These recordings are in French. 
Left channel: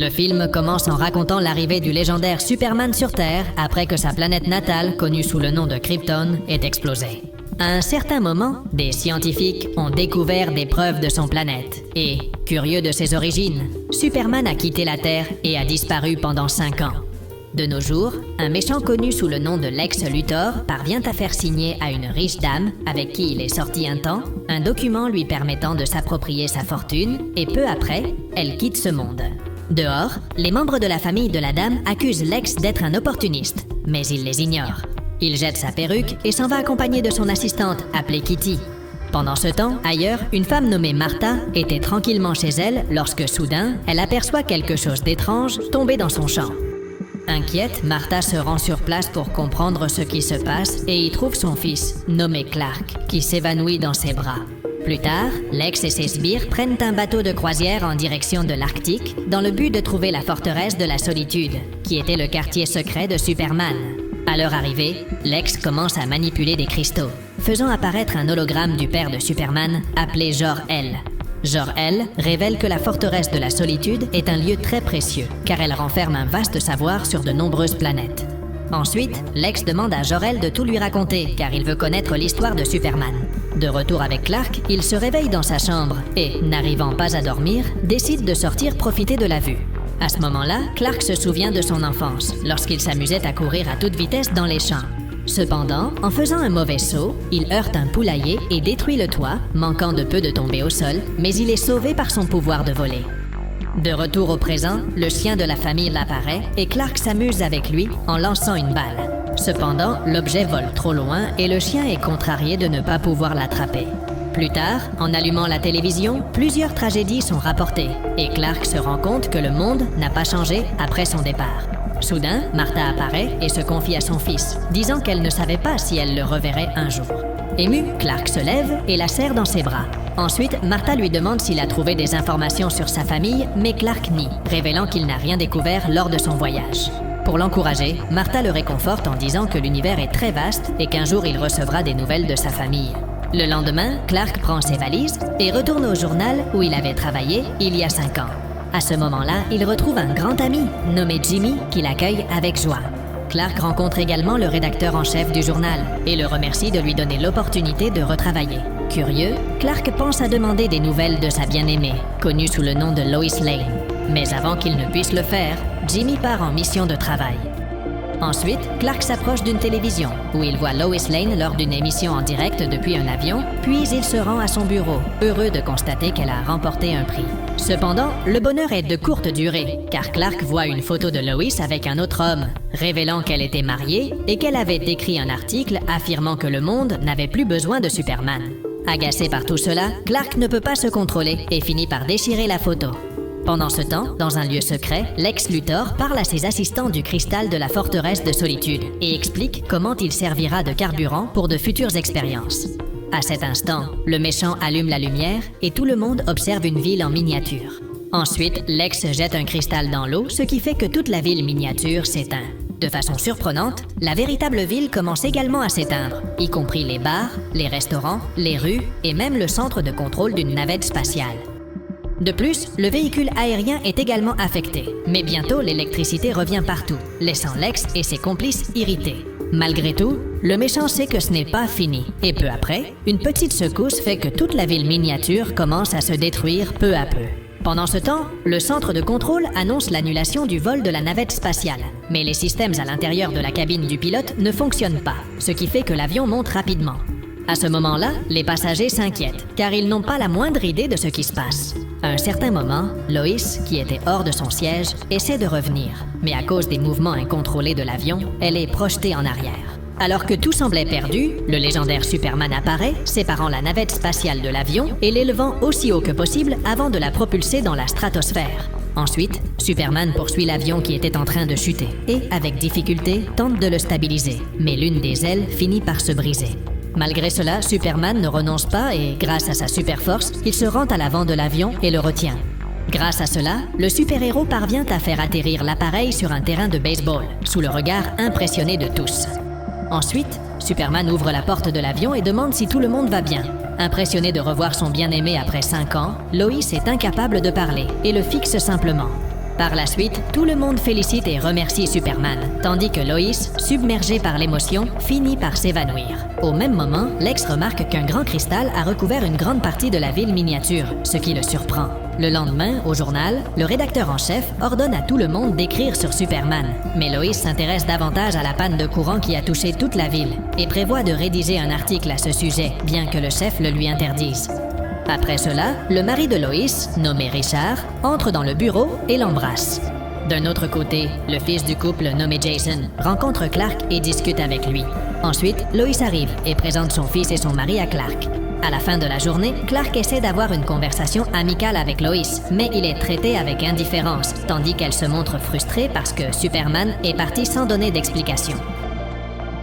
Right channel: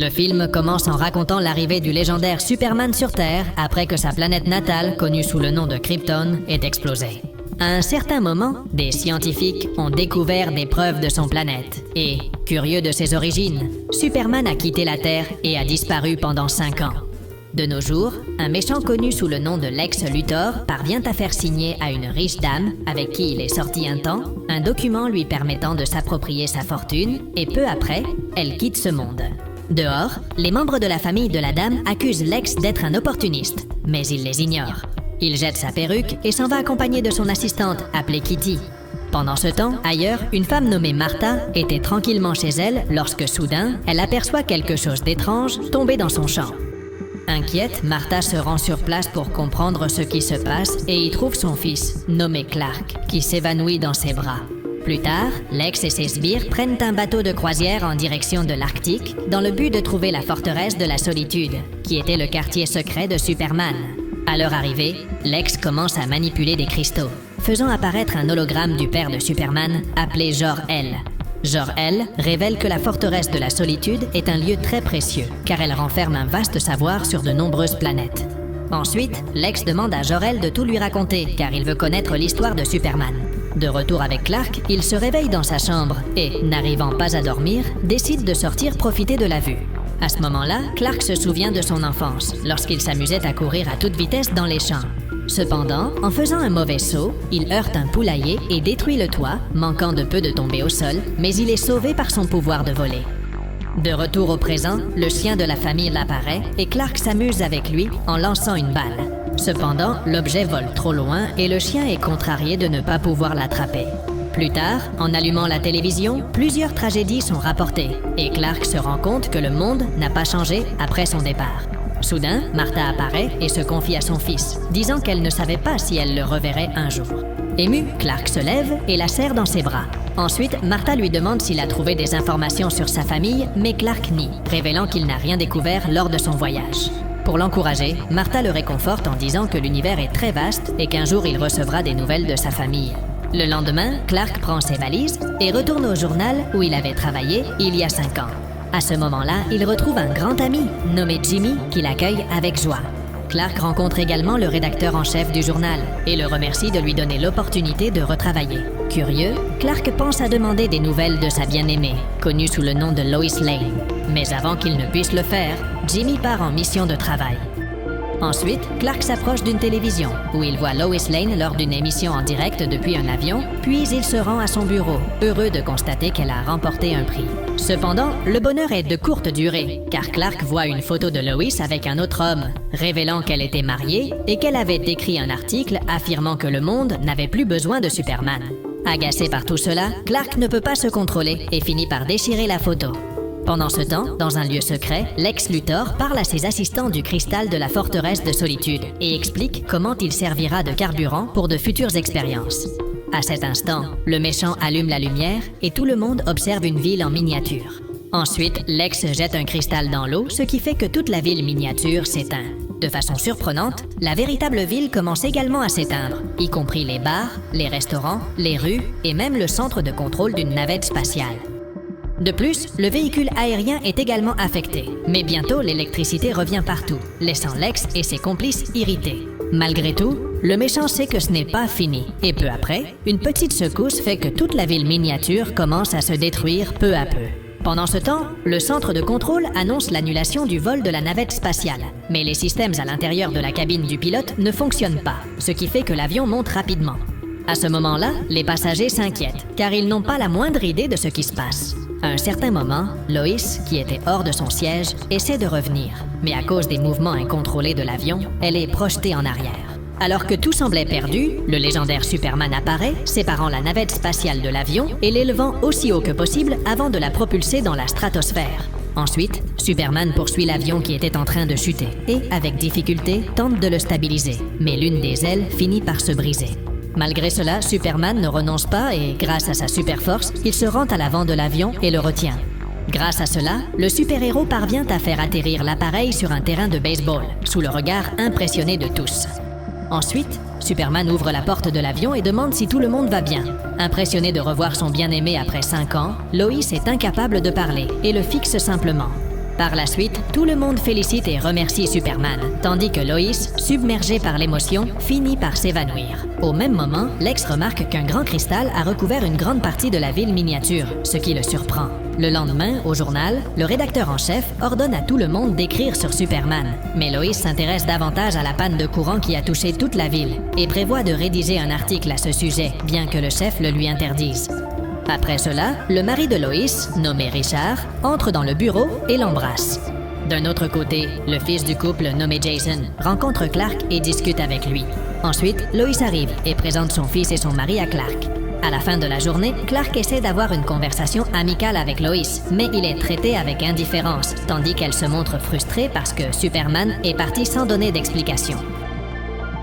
Le film commence en racontant l'arrivée du légendaire Superman sur Terre après que sa planète natale, connue sous le nom de Krypton, ait explosé. À un certain moment, des scientifiques ont découvert des preuves de son planète. Et, curieux de ses origines, Superman a quitté la Terre et a disparu pendant 5 ans. De nos jours, un méchant connu sous le nom de Lex Luthor parvient à faire signer à une riche dame, avec qui il est sorti un temps, un document lui permettant de s'approprier sa fortune, et peu après, elle quitte ce monde. Dehors, les membres de la famille de la dame accusent Lex d'être un opportuniste, mais il les ignore. Il jette sa perruque et s'en va accompagné de son assistante, appelée Kitty. Pendant ce temps, ailleurs, une femme nommée Martha était tranquillement chez elle lorsque soudain, elle aperçoit quelque chose d'étrange tomber dans son champ. Inquiète, Martha se rend sur place pour comprendre ce qui se passe et y trouve son fils, nommé Clark, qui s'évanouit dans ses bras. Plus tard, Lex et ses sbires prennent un bateau de croisière en direction de l'Arctique dans le but de trouver la forteresse de la Solitude, qui était le quartier secret de Superman. À leur arrivée, Lex commence à manipuler des cristaux, faisant apparaître un hologramme du père de Superman appelé Jor-El. Jor-El révèle que la forteresse de la Solitude est un lieu très précieux, car elle renferme un vaste savoir sur de nombreuses planètes. Ensuite, Lex demande à Jor-El de tout lui raconter, car il veut connaître l'histoire de Superman. De retour avec Clark, il se réveille dans sa chambre et, n'arrivant pas à dormir, décide de sortir profiter de la vue. À ce moment-là, Clark se souvient de son enfance, lorsqu'il s'amusait à courir à toute vitesse dans les champs. Cependant, en faisant un mauvais saut, il heurte un poulailler et détruit le toit, manquant de peu de tomber au sol, mais il est sauvé par son pouvoir de voler. De retour au présent, le chien de la famille apparaît et Clark s'amuse avec lui en lançant une balle. Cependant, l'objet vole trop loin et le chien est contrarié de ne pas pouvoir l'attraper. Plus tard, en allumant la télévision, plusieurs tragédies sont rapportées et Clark se rend compte que le monde n'a pas changé après son départ. Soudain, Martha apparaît et se confie à son fils, disant qu'elle ne savait pas si elle le reverrait un jour. Ému, Clark se lève et la serre dans ses bras. Ensuite, Martha lui demande s'il a trouvé des informations sur sa famille, mais Clark nie, révélant qu'il n'a rien découvert lors de son voyage. Pour l'encourager, Martha le réconforte en disant que l'univers est très vaste et qu'un jour il recevra des nouvelles de sa famille. Le lendemain, Clark prend ses valises et retourne au journal où il avait travaillé il y a 5 ans. À ce moment-là, il retrouve un grand ami, nommé Jimmy, qui l'accueille avec joie. Clark rencontre également le rédacteur en chef du journal et le remercie de lui donner l'opportunité de retravailler. Curieux, Clark pense à demander des nouvelles de sa bien-aimée, connue sous le nom de Lois Lane. Mais avant qu'il ne puisse le faire, Jimmy part en mission de travail. Ensuite, Clark s'approche d'une télévision, où il voit Lois Lane lors d'une émission en direct depuis un avion, puis il se rend à son bureau, heureux de constater qu'elle a remporté un prix. Cependant, le bonheur est de courte durée, car Clark voit une photo de Lois avec un autre homme, révélant qu'elle était mariée et qu'elle avait écrit un article affirmant que le monde n'avait plus besoin de Superman. Agacé par tout cela, Clark ne peut pas se contrôler et finit par déchirer la photo. Pendant ce temps, dans un lieu secret, Lex Luthor parle à ses assistants du cristal de la forteresse de Solitude et explique comment il servira de carburant pour de futures expériences. À cet instant, le méchant allume la lumière et tout le monde observe une ville en miniature. Ensuite, Lex jette un cristal dans l'eau, ce qui fait que toute la ville miniature s'éteint. De façon surprenante, la véritable ville commence également à s'éteindre, y compris les bars, les restaurants, les rues et même le centre de contrôle d'une navette spatiale. De plus, le véhicule aérien est également affecté. Mais bientôt, l'électricité revient partout, laissant Lex et ses complices irrités. Malgré tout, le méchant sait que ce n'est pas fini. Et peu après, une petite secousse fait que toute la ville miniature commence à se détruire peu à peu. Pendant ce temps, le centre de contrôle annonce l'annulation du vol de la navette spatiale. Mais les systèmes à l'intérieur de la cabine du pilote ne fonctionnent pas, ce qui fait que l'avion monte rapidement. À ce moment-là, les passagers s'inquiètent, car ils n'ont pas la moindre idée de ce qui se passe. À un certain moment, Lois, qui était hors de son siège, essaie de revenir. Mais à cause des mouvements incontrôlés de l'avion, elle est projetée en arrière. Alors que tout semblait perdu, le légendaire Superman apparaît, séparant la navette spatiale de l'avion et l'élevant aussi haut que possible avant de la propulser dans la stratosphère. Ensuite, Superman poursuit l'avion qui était en train de chuter et, avec difficulté, tente de le stabiliser. Mais l'une des ailes finit par se briser. Malgré cela, Superman ne renonce pas et, grâce à sa super force, il se rend à l'avant de l'avion et le retient. Grâce à cela, le super-héros parvient à faire atterrir l'appareil sur un terrain de baseball, sous le regard impressionné de tous. Ensuite, Superman ouvre la porte de l'avion et demande si tout le monde va bien. Impressionné de revoir son bien-aimé après 5 ans, Lois est incapable de parler et le fixe simplement. Par la suite, tout le monde félicite et remercie Superman, tandis que Lois, submergée par l'émotion, finit par s'évanouir. Au même moment, Lex remarque qu'un grand cristal a recouvert une grande partie de la ville miniature, ce qui le surprend. Le lendemain, au journal, le rédacteur en chef ordonne à tout le monde d'écrire sur Superman. Mais Lois s'intéresse davantage à la panne de courant qui a touché toute la ville et prévoit de rédiger un article à ce sujet, bien que le chef le lui interdise. Après cela, le mari de Lois, nommé Richard, entre dans le bureau et l'embrasse. D'un autre côté, le fils du couple, nommé Jason, rencontre Clark et discute avec lui. Ensuite, Lois arrive et présente son fils et son mari à Clark. À la fin de la journée, Clark essaie d'avoir une conversation amicale avec Lois, mais il est traité avec indifférence, tandis qu'elle se montre frustrée parce que Superman est parti sans donner d'explication.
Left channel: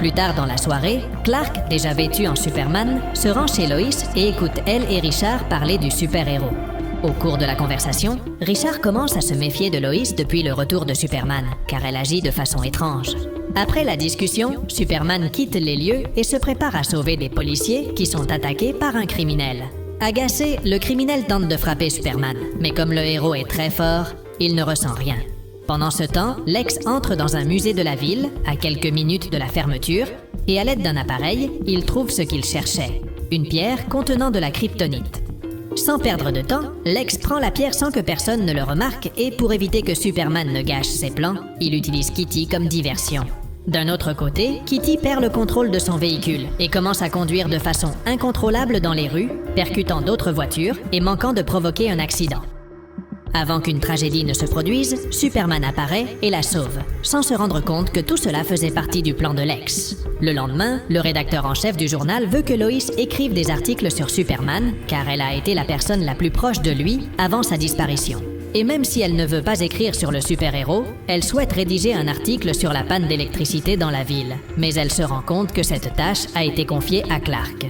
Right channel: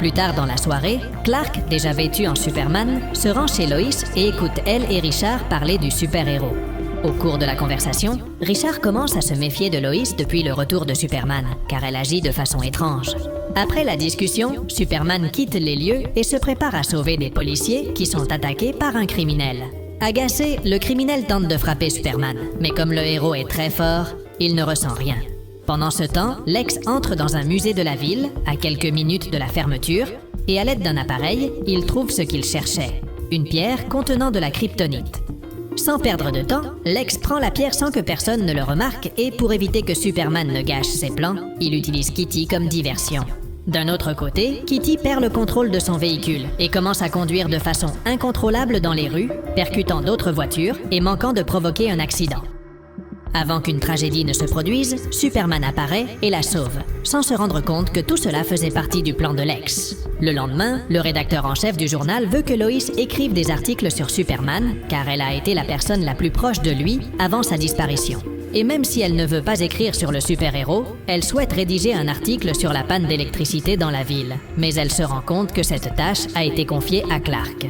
Plus tard dans la soirée, Clark, déjà vêtu en Superman, se rend chez Lois et écoute elle et Richard parler du super-héros. Au cours de la conversation, Richard commence à se méfier de Lois depuis le retour de Superman, car elle agit de façon étrange. Après la discussion, Superman quitte les lieux et se prépare à sauver des policiers qui sont attaqués par un criminel. Agacé, le criminel tente de frapper Superman, mais comme le héros est très fort, il ne ressent rien. Pendant ce temps, Lex entre dans un musée de la ville, à quelques minutes de la fermeture, et à l'aide d'un appareil, il trouve ce qu'il cherchait, une pierre contenant de la kryptonite. Sans perdre de temps, Lex prend la pierre sans que personne ne le remarque et pour éviter que Superman ne gâche ses plans, il utilise Kitty comme diversion. D'un autre côté, Kitty perd le contrôle de son véhicule et commence à conduire de façon incontrôlable dans les rues, percutant d'autres voitures et manquant de provoquer un accident. Avant qu'une tragédie ne se produise, Superman apparaît et la sauve, sans se rendre compte que tout cela faisait partie du plan de Lex. Le lendemain, le rédacteur en chef du journal veut que Lois écrive des articles sur Superman, car elle a été la personne la plus proche de lui avant sa disparition. Et même si elle ne veut pas écrire sur le super-héros, elle souhaite rédiger un article sur la panne d'électricité dans la ville. Mais elle se rend compte que cette tâche a été confiée à Clark.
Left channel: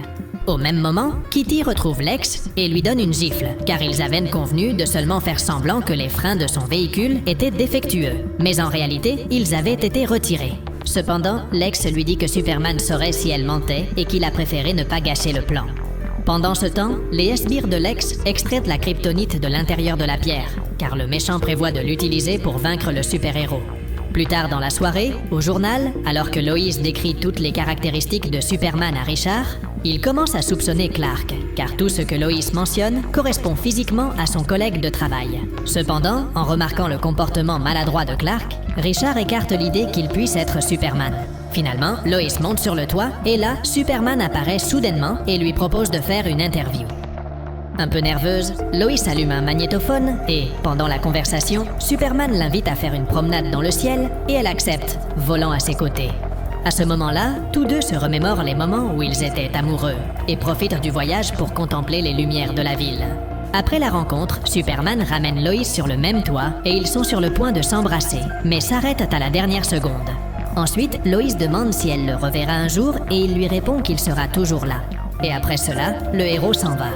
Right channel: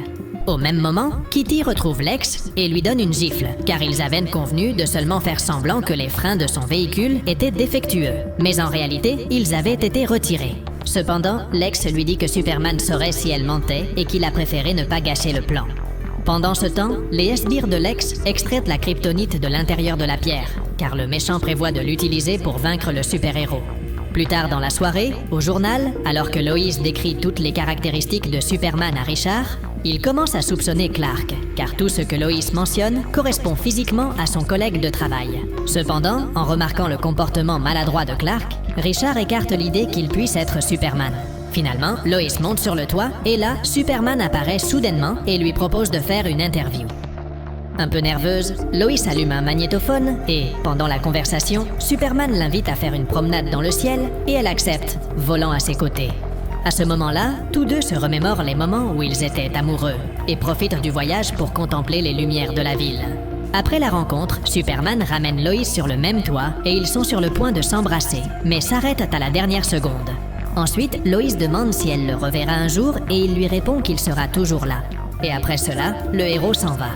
Au même moment, Kitty retrouve Lex et lui donne une gifle, car ils avaient convenu de seulement faire semblant que les freins de son véhicule étaient défectueux. Mais en réalité, ils avaient été retirés. Cependant, Lex lui dit que Superman saurait si elle mentait et qu'il a préféré ne pas gâcher le plan. Pendant ce temps, les sbires de Lex extraient la kryptonite de l'intérieur de la pierre, car le méchant prévoit de l'utiliser pour vaincre le super-héros. Plus tard dans la soirée, au journal, alors que Lois décrit toutes les caractéristiques de Superman à Richard, il commence à soupçonner Clark, car tout ce que Lois mentionne correspond physiquement à son collègue de travail. Cependant, en remarquant le comportement maladroit de Clark, Richard écarte l'idée qu'il puisse être Superman. Finalement, Lois monte sur le toit et là, Superman apparaît soudainement et lui propose de faire une interview. Un peu nerveuse, Lois allume un magnétophone et, pendant la conversation, Superman l'invite à faire une promenade dans le ciel et elle accepte, volant à ses côtés. À ce moment-là, tous deux se remémorent les moments où ils étaient amoureux et profitent du voyage pour contempler les lumières de la ville. Après la rencontre, Superman ramène Lois sur le même toit et ils sont sur le point de s'embrasser, mais s'arrêtent à la dernière seconde. Ensuite, Lois demande si elle le reverra un jour et il lui répond qu'il sera toujours là. Et après cela, le héros s'en va.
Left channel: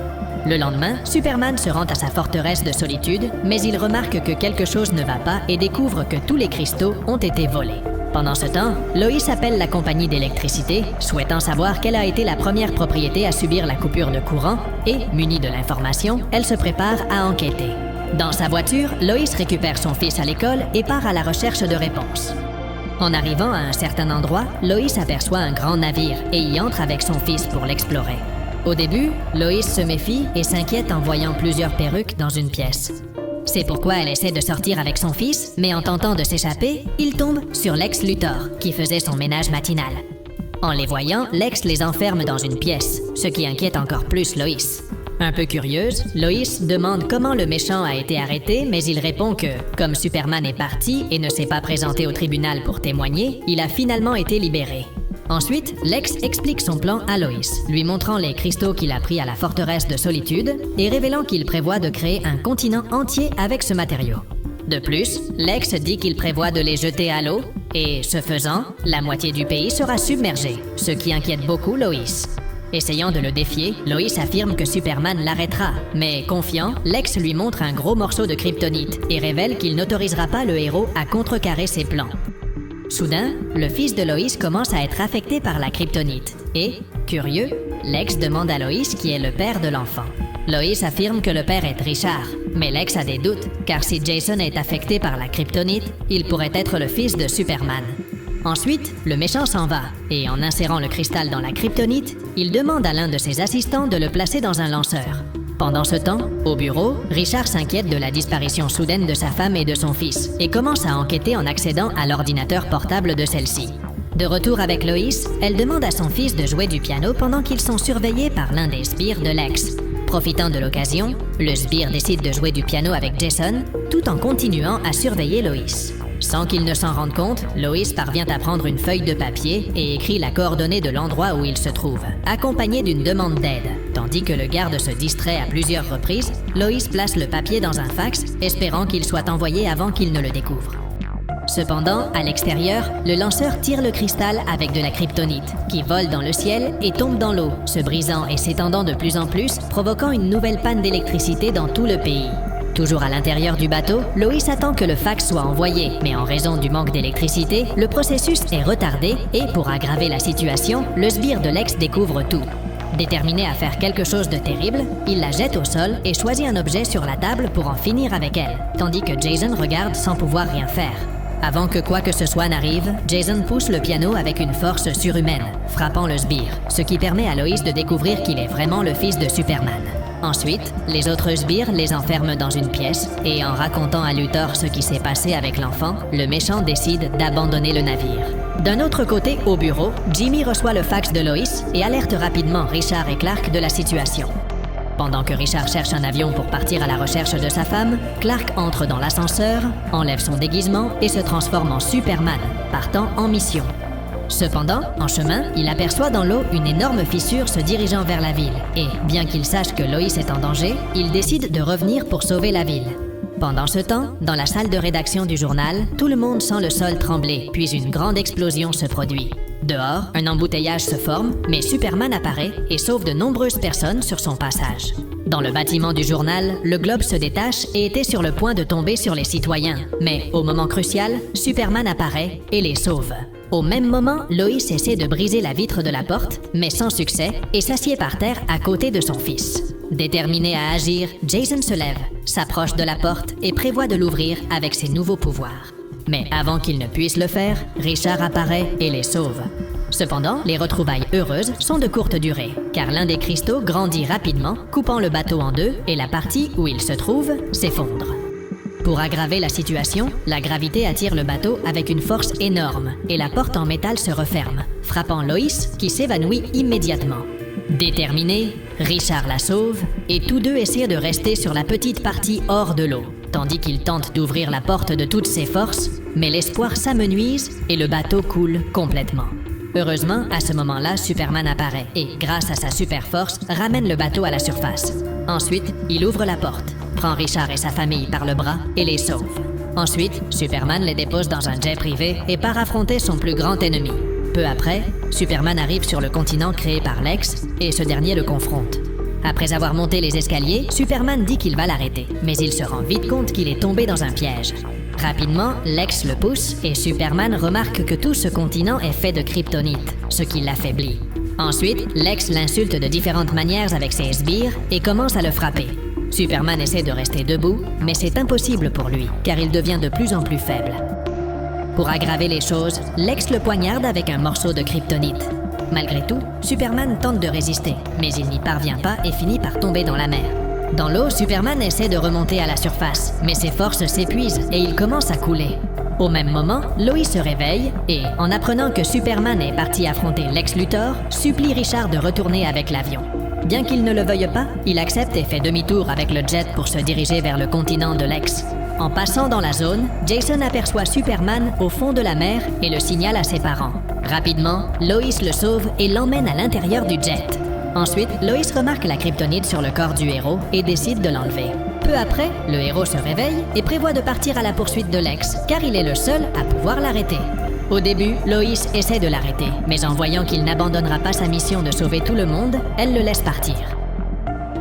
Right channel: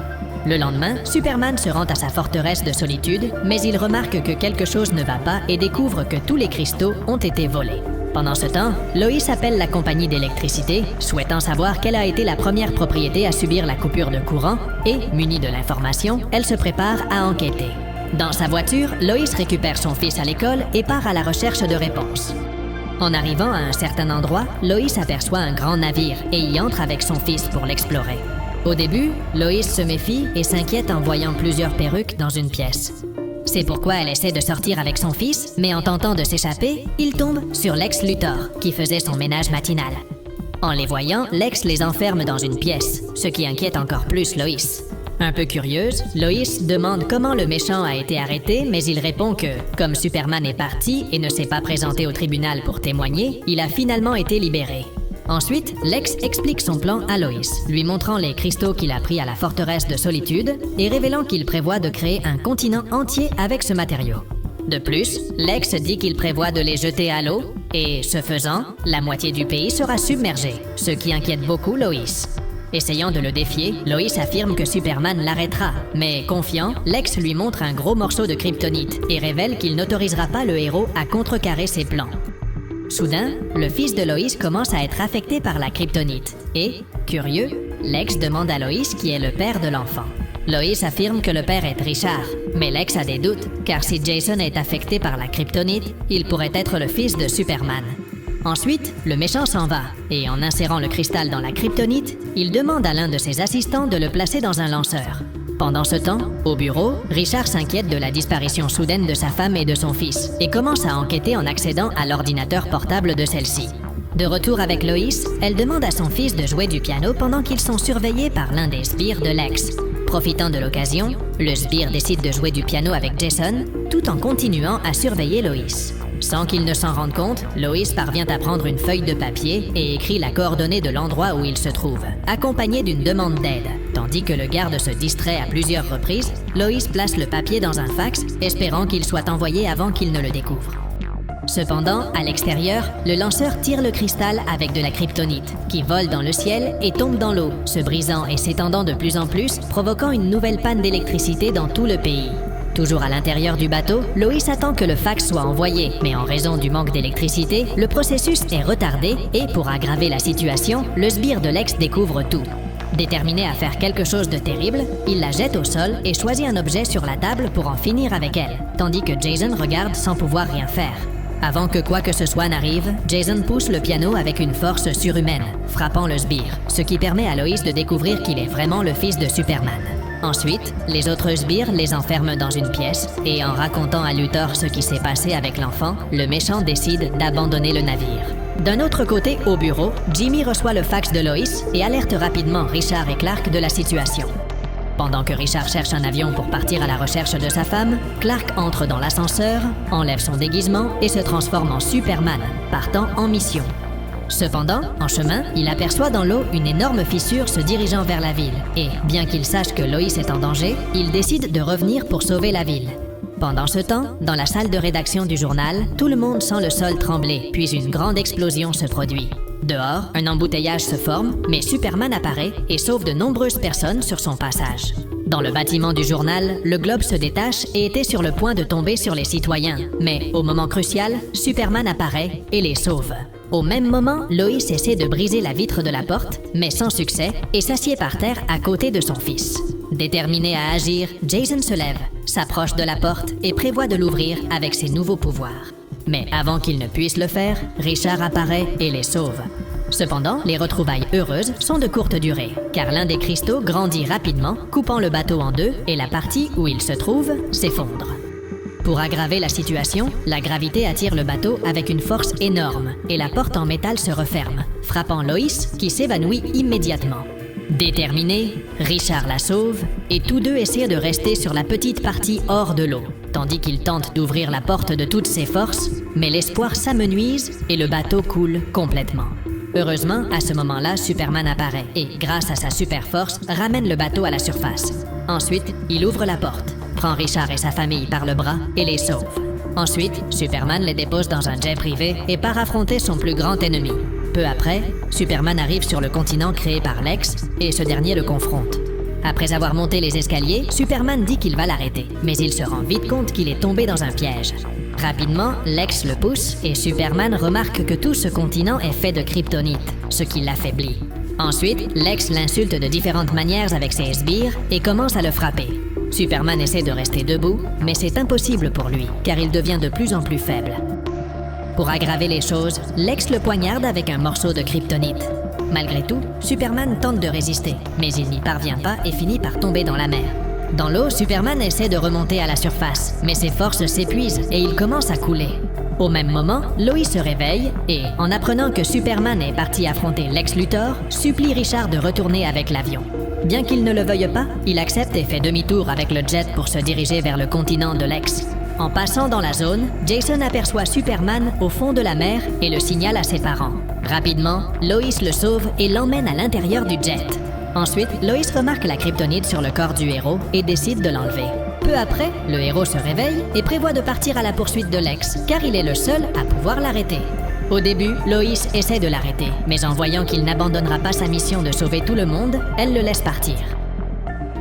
Le lendemain, Superman se rend à sa forteresse de solitude, mais il remarque que quelque chose ne va pas et découvre que tous les cristaux ont été volés. Pendant ce temps, Lois appelle la compagnie d'électricité, souhaitant savoir quelle a été la première propriété à subir la coupure de courant, et, munie de l'information, elle se prépare à enquêter. Dans sa voiture, Lois récupère son fils à l'école et part à la recherche de réponses. En arrivant à un certain endroit, Lois aperçoit un grand navire et y entre avec son fils pour l'explorer. Au début, Lois se méfie et s'inquiète en voyant plusieurs perruques dans une pièce. C'est pourquoi elle essaie de sortir avec son fils, mais en tentant de s'échapper, il tombe sur Lex Luthor, qui faisait son ménage matinal. En les voyant, Lex les enferme dans une pièce, ce qui inquiète encore plus Lois. Un peu curieuse, Lois demande comment le méchant a été arrêté, mais il répond que, comme Superman est parti et ne s'est pas présenté au tribunal pour témoigner, il a finalement été libéré. Ensuite, Lex explique son plan à Lois, lui montrant les cristaux qu'il a pris à la forteresse de solitude et révélant qu'il prévoit de créer un continent entier avec ce matériau. De plus, Lex dit qu'il prévoit de les jeter à l'eau et, ce faisant, la moitié du pays sera submergée, ce qui inquiète beaucoup Lois. Essayant de le défier, Lois affirme que Superman l'arrêtera. Mais confiant, Lex lui montre un gros morceau de kryptonite et révèle qu'il n'autorisera pas le héros à contrecarrer ses plans. Soudain, le fils de Lois commence à être affecté par la kryptonite et, curieux, Lex demande à Lois qui est le père de l'enfant. Lois affirme que le père est Richard, mais Lex a des doutes, car si Jason est affecté par la kryptonite, il pourrait être le fils de Superman. Ensuite, le méchant s'en va, et en insérant le cristal dans la kryptonite, il demande à l'un de ses assistants de le placer dans un lanceur. Pendant ce temps, au bureau, Richard s'inquiète de la disparition soudaine de sa femme et de son fils, et commence à enquêter en accédant à l'ordinateur portable de celle-ci. De retour avec Lois, elle demande à son fils de jouer du piano pendant qu'ils sont surveillés par l'un des sbires de Lex. Profitant de l'occasion, le sbire décide de jouer du piano avec Jason, tout en continuant à surveiller Lois. Sans qu'il ne s'en rende compte, Lois parvient à prendre une feuille de papier et écrit la coordonnée de l'endroit où il se trouve, accompagnée d'une demande d'aide. Tandis que le garde se distrait à plusieurs reprises, Lois place le papier dans un fax, espérant qu'il soit envoyé avant qu'il ne le découvre. Cependant, à l'extérieur, le lanceur tire le cristal avec de la kryptonite, qui vole dans le ciel et tombe dans l'eau, se brisant et s'étendant de plus en plus, provoquant une nouvelle panne d'électricité dans tout le pays. Toujours à l'intérieur du bateau, Lois attend que le fax soit envoyé, mais en raison du manque d'électricité, le processus est retardé et, pour aggraver la situation, le sbire de Lex découvre tout. Déterminé à faire quelque chose de terrible, il la jette au sol et choisit un objet sur la table pour en finir avec elle, tandis que Jason regarde sans pouvoir rien faire. Avant que quoi que ce soit n'arrive, Jason pousse le piano avec une force surhumaine, frappant le sbire, ce qui permet à Lois de découvrir qu'il est vraiment le fils de Superman. Ensuite, les autres sbires les enferment dans une pièce, et en racontant à Luthor ce qui s'est passé avec l'enfant, le méchant décide d'abandonner le navire. D'un autre côté, au bureau, Jimmy reçoit le fax de Lois et alerte rapidement Richard et Clark de la situation. Pendant que Richard cherche un avion pour partir à la recherche de sa femme, Clark entre dans l'ascenseur, enlève son déguisement et se transforme en Superman, partant en mission. Cependant, en chemin, il aperçoit dans l'eau une énorme fissure se dirigeant vers la ville, et, bien qu'il sache que Lois est en danger, il décide de revenir pour sauver la ville. Pendant ce temps, dans la salle de rédaction du journal, tout le monde sent le sol trembler, puis une grande explosion se produit. Dehors, un embouteillage se forme, mais Superman apparaît et sauve de nombreuses personnes sur son passage. Dans le bâtiment du journal, le globe se détache et était sur le point de tomber sur les citoyens. Mais au moment crucial, Superman apparaît et les sauve. Au même moment, Lois essaie de briser la vitre de la porte, mais sans succès, et s'assied par terre à côté de son fils. Déterminé à agir, Jason se lève, s'approche de la porte et prévoit de l'ouvrir avec ses nouveaux pouvoirs. Mais avant qu'il ne puisse le faire, Richard apparaît et les sauve. Cependant, les retrouvailles heureuses sont de courte durée, car l'un des cristaux grandit rapidement, coupant le bateau en deux et la partie où il se trouve s'effondre. Pour aggraver la situation, la gravité attire le bateau avec une force énorme et la porte en métal se referme, frappant Lois qui s'évanouit immédiatement. Déterminé, Richard la sauve et tous deux essaient de rester sur la petite partie hors de l'eau, tandis qu'il tente d'ouvrir la porte de toutes ses forces, mais l'espoir s'amenuise et le bateau coule complètement. Heureusement, à ce moment-là, Superman apparaît et, grâce à sa super force, ramène le bateau à la surface. Ensuite, il ouvre la porte, prend Richard et sa famille par le bras et les sauve. Ensuite, Superman les dépose dans un jet privé et part affronter son plus grand ennemi. Peu après, Superman arrive sur le continent créé par Lex et ce dernier le confronte. Après avoir monté les escaliers, Superman dit qu'il va l'arrêter, mais il se rend vite compte qu'il est tombé dans un piège. Rapidement, Lex le pousse et Superman remarque que tout ce continent est fait de kryptonite, ce qui l'affaiblit. Ensuite, Lex l'insulte de différentes manières avec ses sbires et commence à le frapper. Superman essaie de rester debout, mais c'est impossible pour lui, car il devient de plus en plus faible. Pour aggraver les choses, Lex le poignarde avec un morceau de kryptonite. Malgré tout, Superman tente de résister, mais il n'y parvient pas et finit par tomber dans la mer. Dans l'eau, Superman essaie de remonter à la surface, mais ses forces s'épuisent et il commence à couler. Au même moment, Lois se réveille et, en apprenant que Superman est parti affronter Lex Luthor, supplie Richard de retourner avec l'avion. Bien qu'il ne le veuille pas, il accepte et fait demi-tour avec le jet pour se diriger vers le continent de Lex. En passant dans la zone, Jason aperçoit Superman au fond de la mer et le signale à ses parents. Rapidement, Lois le sauve et l'emmène à l'intérieur du jet. Ensuite, Lois remarque la kryptonite sur le corps du héros et décide de l'enlever. Peu après, le héros se réveille et prévoit de partir à la poursuite de Lex, car il est le seul à pouvoir l'arrêter. Au début, Lois essaie de l'arrêter, mais en voyant qu'il n'abandonnera pas sa mission de sauver tout le monde, elle le laisse partir.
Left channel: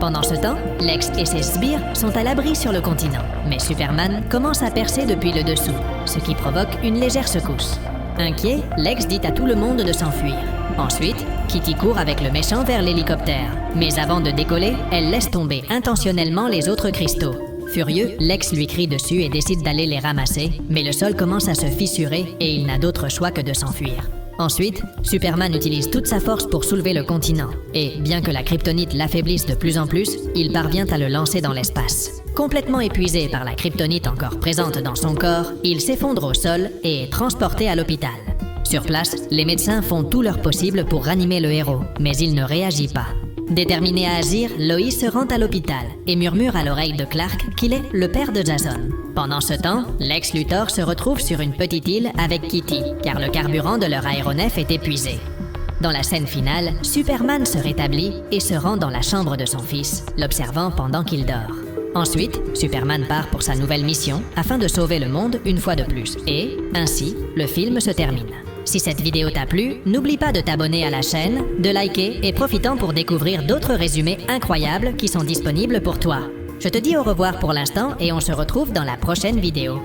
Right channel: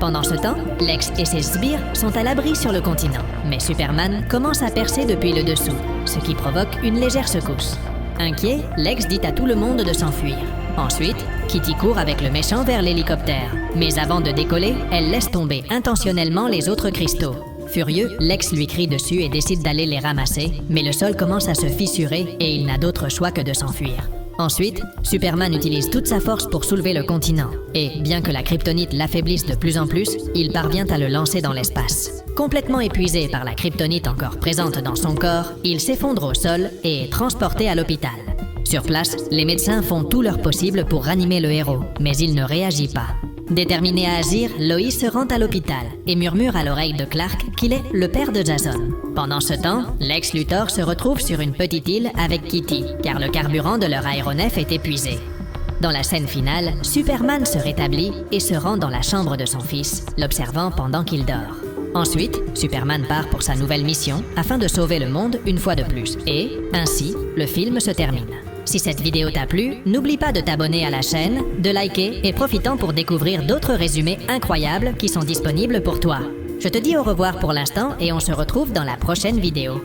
Pendant ce temps, Lex et ses sbires sont à l'abri sur le continent, mais Superman commence à percer depuis le dessous, ce qui provoque une légère secousse. Inquiet, Lex dit à tout le monde de s'enfuir. Ensuite, Kitty court avec le méchant vers l'hélicoptère. Mais avant de décoller, elle laisse tomber intentionnellement les autres cristaux. Furieux, Lex lui crie dessus et décide d'aller les ramasser, mais le sol commence à se fissurer et il n'a d'autre choix que de s'enfuir. Ensuite, Superman utilise toute sa force pour soulever le continent. Et bien que la kryptonite l'affaiblisse de plus en plus, il parvient à le lancer dans l'espace. Complètement épuisé par la kryptonite encore présente dans son corps, il s'effondre au sol et est transporté à l'hôpital. Sur place, les médecins font tout leur possible pour ranimer le héros, mais il ne réagit pas. Déterminé à agir, Lois se rend à l'hôpital et murmure à l'oreille de Clark qu'il est le père de Jason. Pendant ce temps, Lex Luthor se retrouve sur une petite île avec Kitty, car le carburant de leur aéronef est épuisé. Dans la scène finale, Superman se rétablit et se rend dans la chambre de son fils, l'observant pendant qu'il dort. Ensuite, Superman part pour sa nouvelle mission afin de sauver le monde une fois de plus. Et, ainsi, le film se termine. Si cette vidéo t'a plu, n'oublie pas de t'abonner à la chaîne, de liker et profitons pour découvrir d'autres résumés incroyables qui sont disponibles pour toi. Je te dis au revoir pour l'instant et on se retrouve dans la prochaine vidéo.